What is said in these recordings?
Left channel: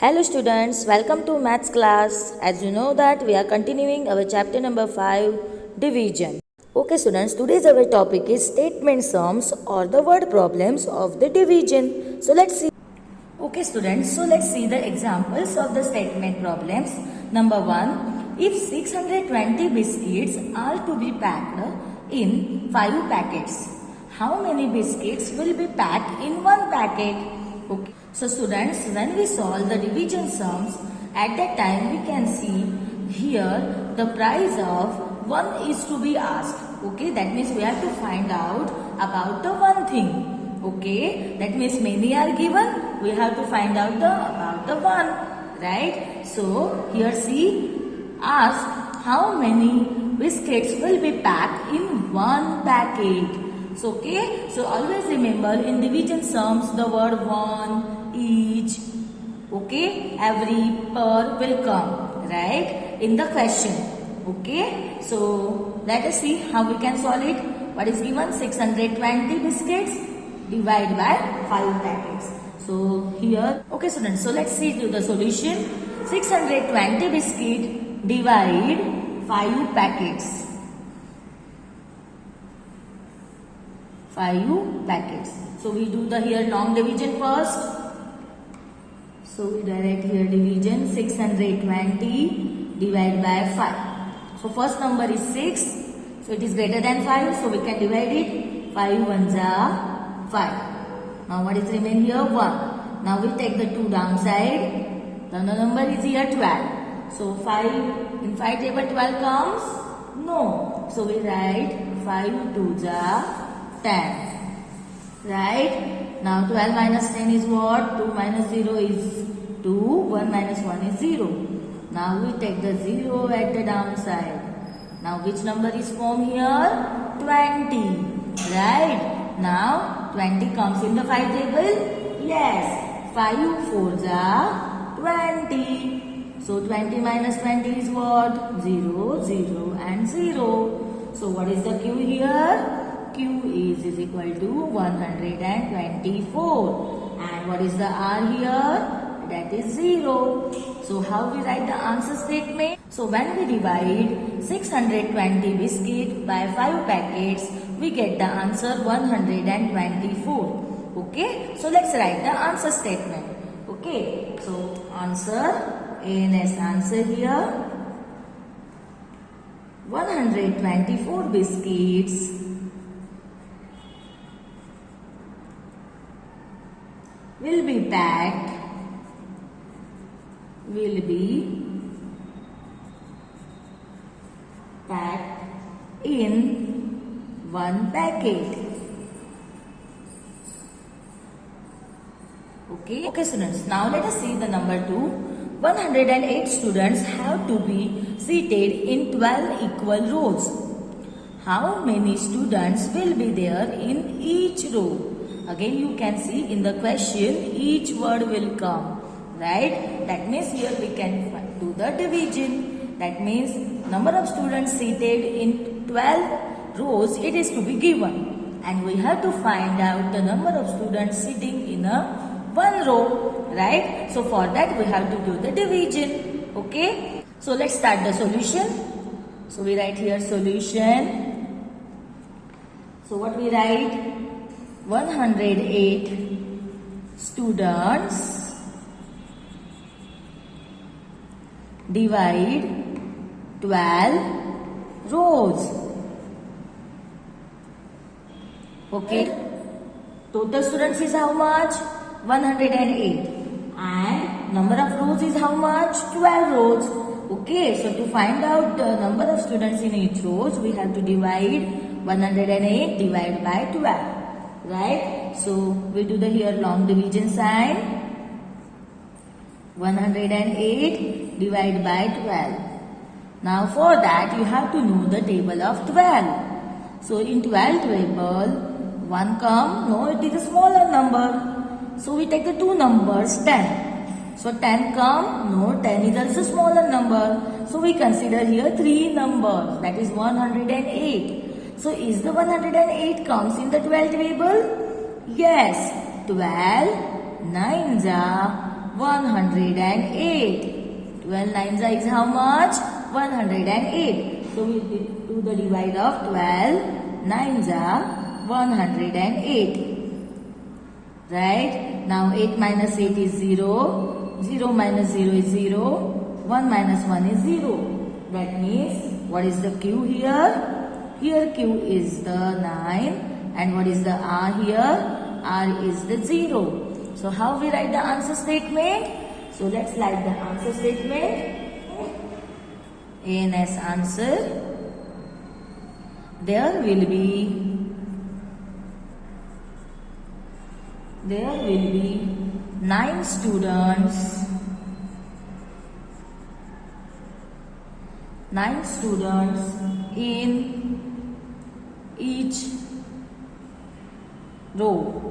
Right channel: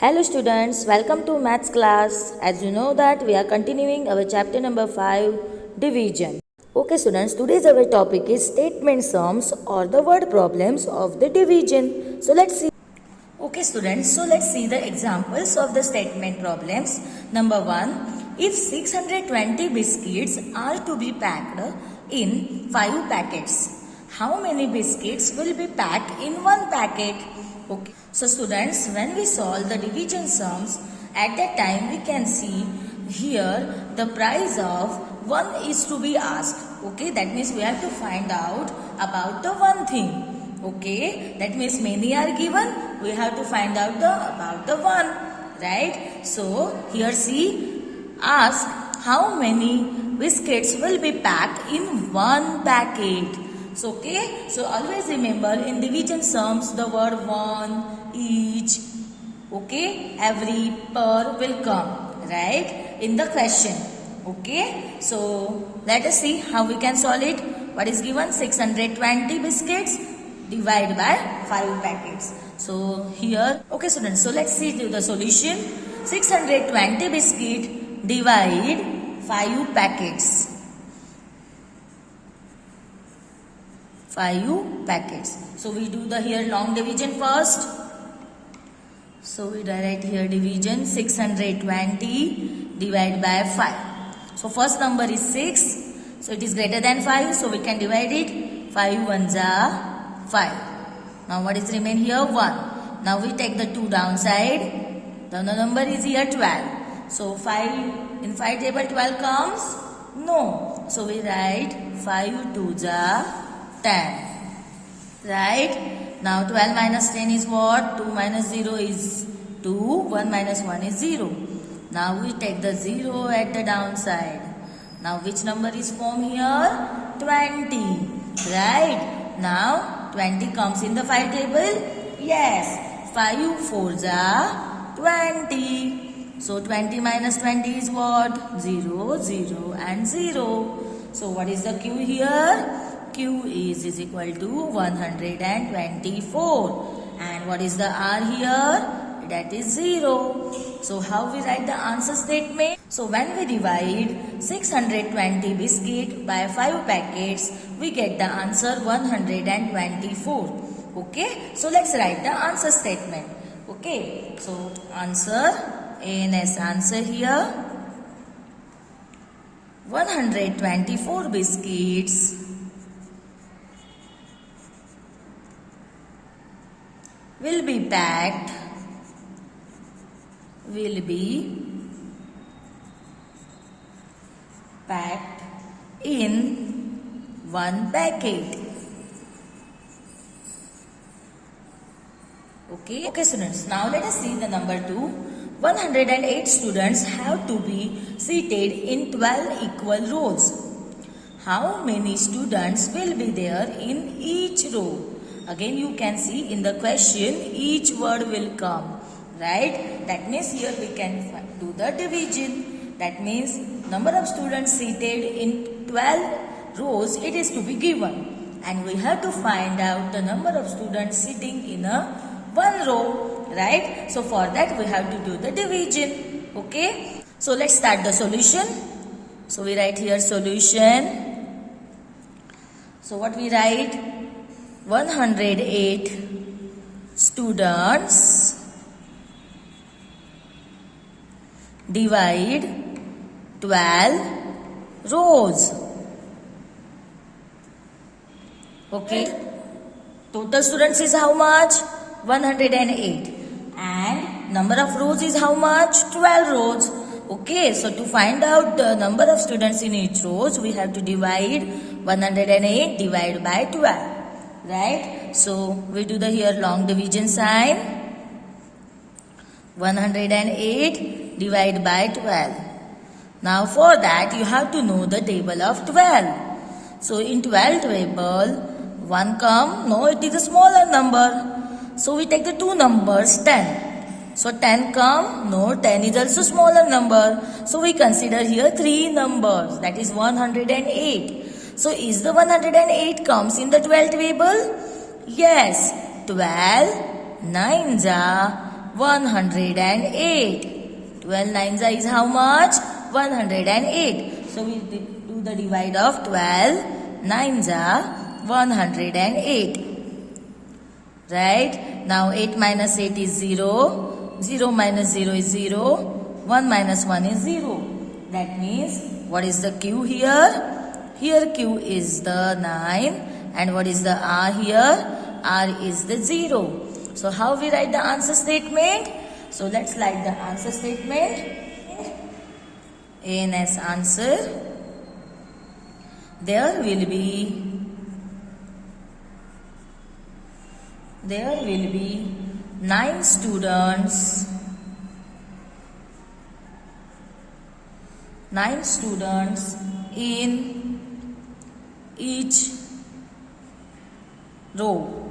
Hello students, welcome to maths class. As you know that we are continuing our chapter number 5, division. Okay students, today's our topic is statement sums or the word problems of the division. So let's see. Okay students, so let's see the examples of the statement problems. Number 1, if 620 biscuits are to be packed in 5 packets, how many biscuits will be packed in 1 packet? Okay. So students, when we solve the division sums, at that time we can see here the price of 1 is to be asked. Okay, that means we have to find out about the one thing. Okay, that means many are given, we have to find out about the one. Right? So here see, ask how many biscuits will be packed in 1 packet. So, okay, so always remember in division sums the word one, each, okay, every, per will come, right, in the question. Okay, so let us see how we can solve it. What is given? 620 biscuits divided by 5 packets. So here, okay students, so let's see the solution. 620 biscuit divide 5 packets. 5 packets. So we do the here long division first. So we write here division 620 divided by 5. So first number is 6. So it is greater than 5. So we can divide it. 5 ones are 5. Now what is remain here? 1. Now we take the 2 downside. The number is here 12. So 5 in 5 table 12 comes? No. So we write 5 2s are 10. Right? Now 12 minus 10 is what? 2 minus 0 is 2. 1 minus 1 is 0. Now we take the 0 at the downside. Now which number is formed here? 20. Right? Now 20 comes in the 5 table? Yes. 5 4s are 20. So 20 minus 20 is what? 0, 0 and 0. So what is the Q here? Q is equal to 124. And what is the R here? That is 0. So how we write the answer statement? So when we divide 620 biscuit by 5 packets, we get the answer 124. Okay. So let's write the answer statement. Okay. So answer, ANS answer here. 124 biscuits will be packed in 1 packet. Okay students, now let us see the number 2. 108 students have to be seated in 12 equal rows. How many students will be there in each row? Again you can see in the question each word will come, right? That means here we can do the division. That means number of students seated in 12 rows, it is to be given. And we have to find out the number of students sitting in a 1 row, right? So for that we have to do the division. Okay? So let's start the solution. So we write here solution. So what we write? 108 students divide 12 rows. Okay. Total students is how much? 108. And number of rows is how much? 12 rows. Okay. So to find out the number of students in each rows, we have to divide 108 divided by 12. Right? So we do the here long division sign. 108 divided by 12. Now for that you have to know the table of 12. So in 12 table 1 come, no, it is a smaller number. So we take the 2 numbers 10. So 10 come, no, 10 is also smaller number. So we consider here 3 numbers, that is 108. So is the 108 comes in the 12 table? Yes. 12 9s are 108. 12 nines is how much? 108. So we do the divide of 12 nines are 108. Right? Now 8 minus 8 is 0. 0 minus 0 is 0. 1 minus 1 is 0. That means what is the Q here? Here Q is the 9. And what is the R here? R is the 0. So how we write the answer statement? So let's write the answer statement. ANS answer. There will be 9 students. 9 students in each row.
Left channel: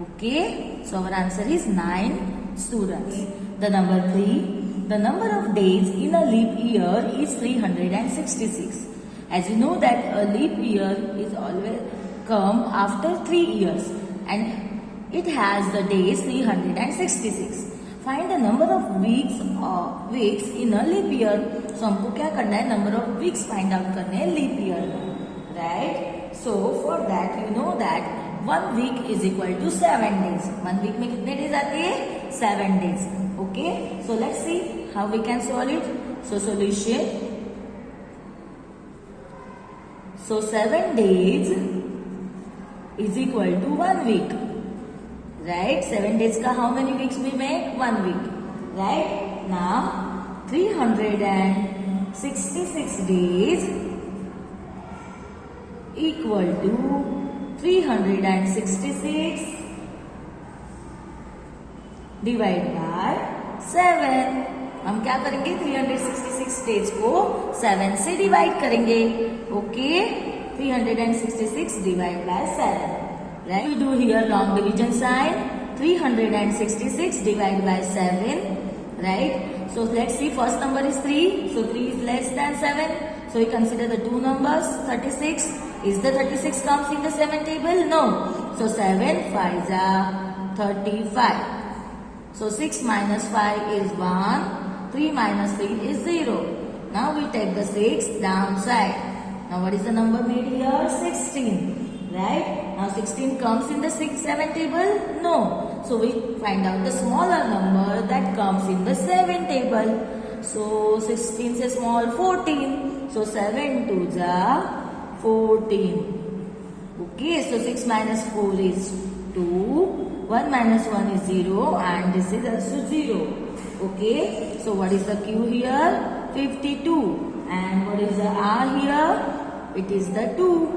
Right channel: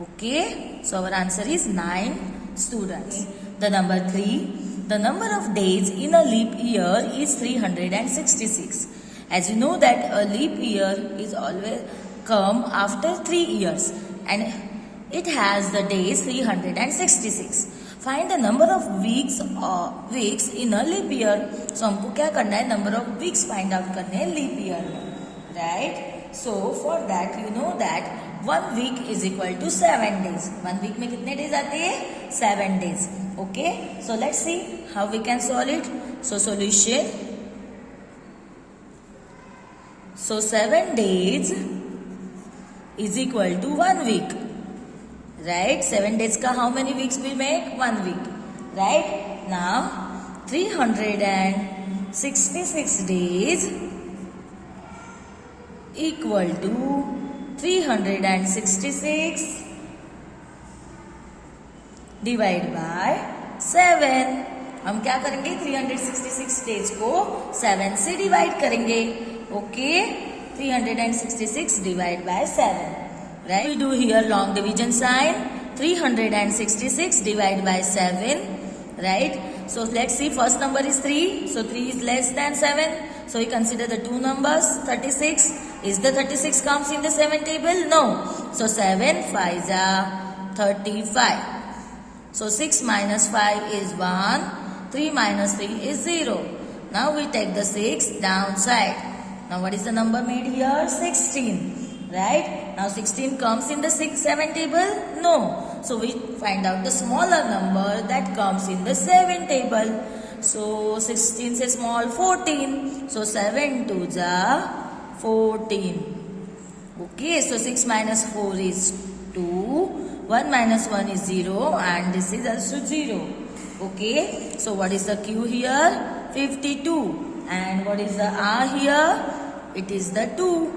Okay, so our answer is 9 students. The number 3, the number of days in a leap year is 366. As you know that a leap year is always come after 3 years and it has the days 366. Find the number of weeks in a leap year. So हमको क्या करना है? Number of weeks find out करना है leap year में, right? So for that you know that 1 week is equal to 7 days. 1 week में कितने days आते हैं? 7 days. Okay. So let's see how we can solve it. So solution. So 7 days is equal to 1 week. Right? 7 days का how many weeks we make? 1 week. Right? Now 366 days equal to 366 divide by 7. हम क्या करेंगे? 366 days को 7 से divide करेंगे. Okay, 366 divide by 7. Right? We do here long division sign. 366 divided by 7. Right? So let's see. First number is 3. So 3 is less than 7. So we consider the two numbers. 36. Is the 36 comes in the 7 table? No. So 7 5s are 35. So 6 minus 5 is 1. 3 minus 3 is 0. Now we take the 6 downside. Now what is the number made here? 16. Right? Now 16 comes in the 7 table? No. So we find out the smaller number that comes in the 7 table. So 16 is small, 14. So 7 2s are 14. Okay, so 6 minus 4 is 2. 1 minus 1 is 0 and this is also 0. Okay, so what is the Q here? 52. And what is the R here? It is the 2.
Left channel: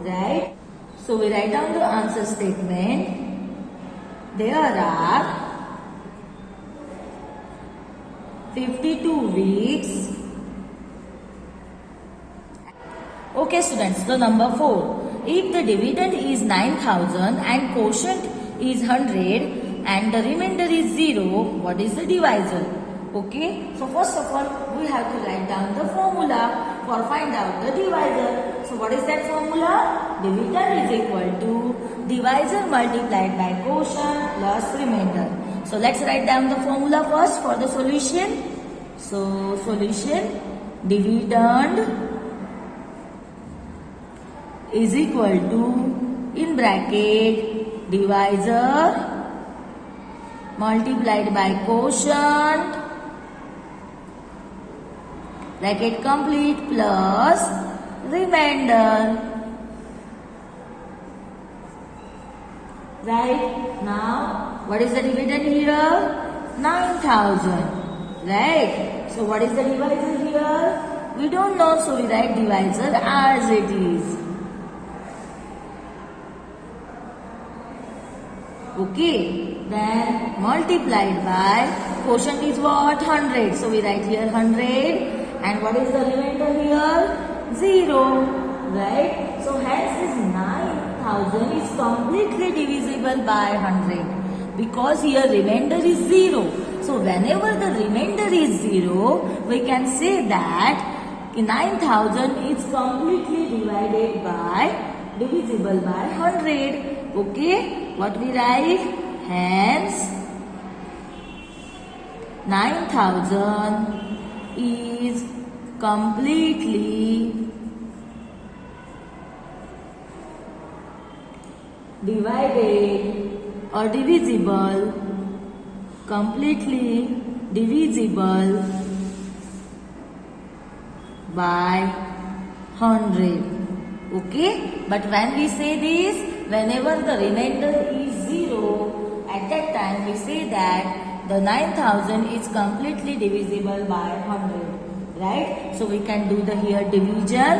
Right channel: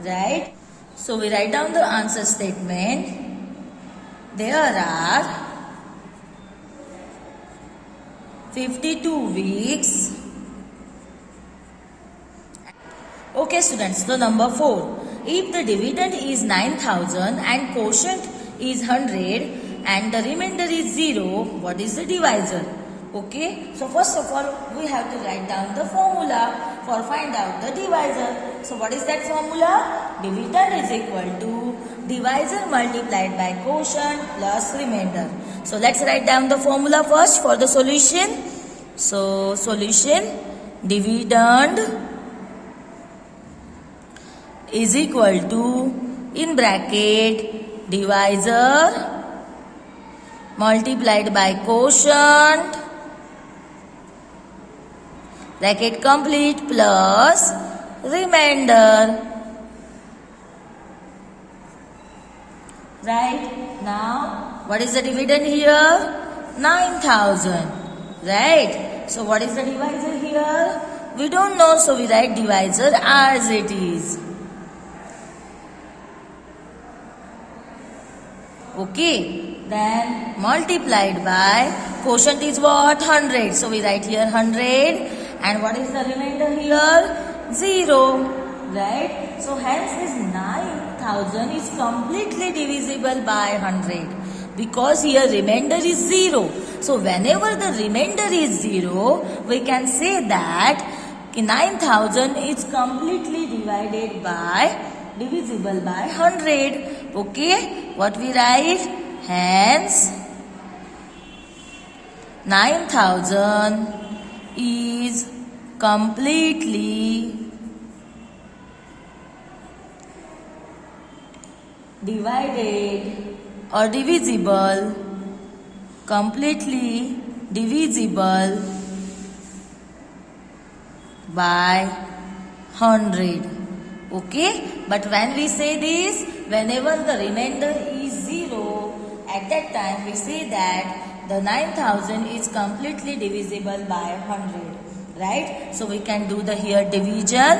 Right? So we write down the answer statement. There are 52 weeks. Okay students, so number 4. If the dividend is 9,000 and quotient is 100 and the remainder is 0, what is the divisor? Okay, so first of all we have to write down the formula for find out the divisor. So what is that formula? Dividend is equal to divisor multiplied by quotient plus remainder. So let's write down the formula first for the solution. So solution, dividend is equal to, in bracket, divisor multiplied by quotient, bracket complete, plus remainder. Right? Now, what is the dividend here? 9,000. Right? So, what is the divisor here? We don't know, so we write divisor as it is. Okay. Then, multiplied by, quotient is what? 100. So, we write here 100. And what is the remainder here? 0. Right? So, hence this 9,000 is completely divisible by 100. Because here remainder is 0. So, whenever the remainder is 0, we can say that 9,000 is completely divisible by 100. Okay? What we write? Hence, 9,000 is completely divided or divisible, completely divisible by 100. Okay, but when we say this, whenever the remainder is 0, at that time we say that the 9,000 is completely divisible by 100, right? So we can do the here division.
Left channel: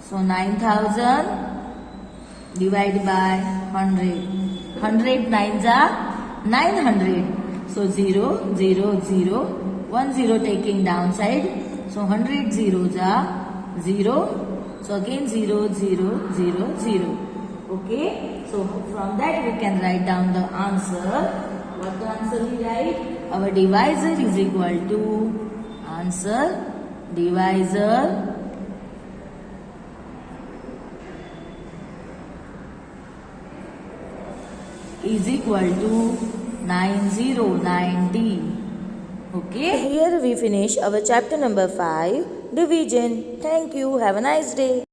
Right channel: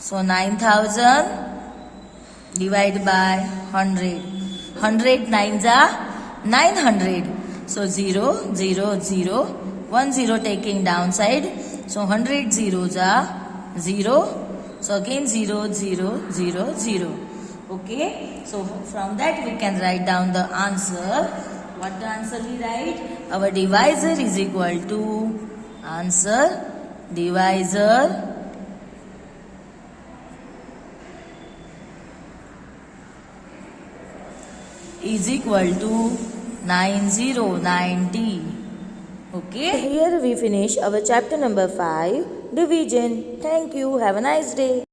So 9,000 divided by 100. 100 nines are 900. So 0, 0, 0. 1 0 taking downside. So 100 zeros are 0. So again 0, 0, 0, 0. Okay. So from that we can write down the answer. What the answer we write? Our divisor is equal to answer. Divisor is equal to 9090. Okay. Here we finish our chapter number 5, division. Thank you. Have a nice day.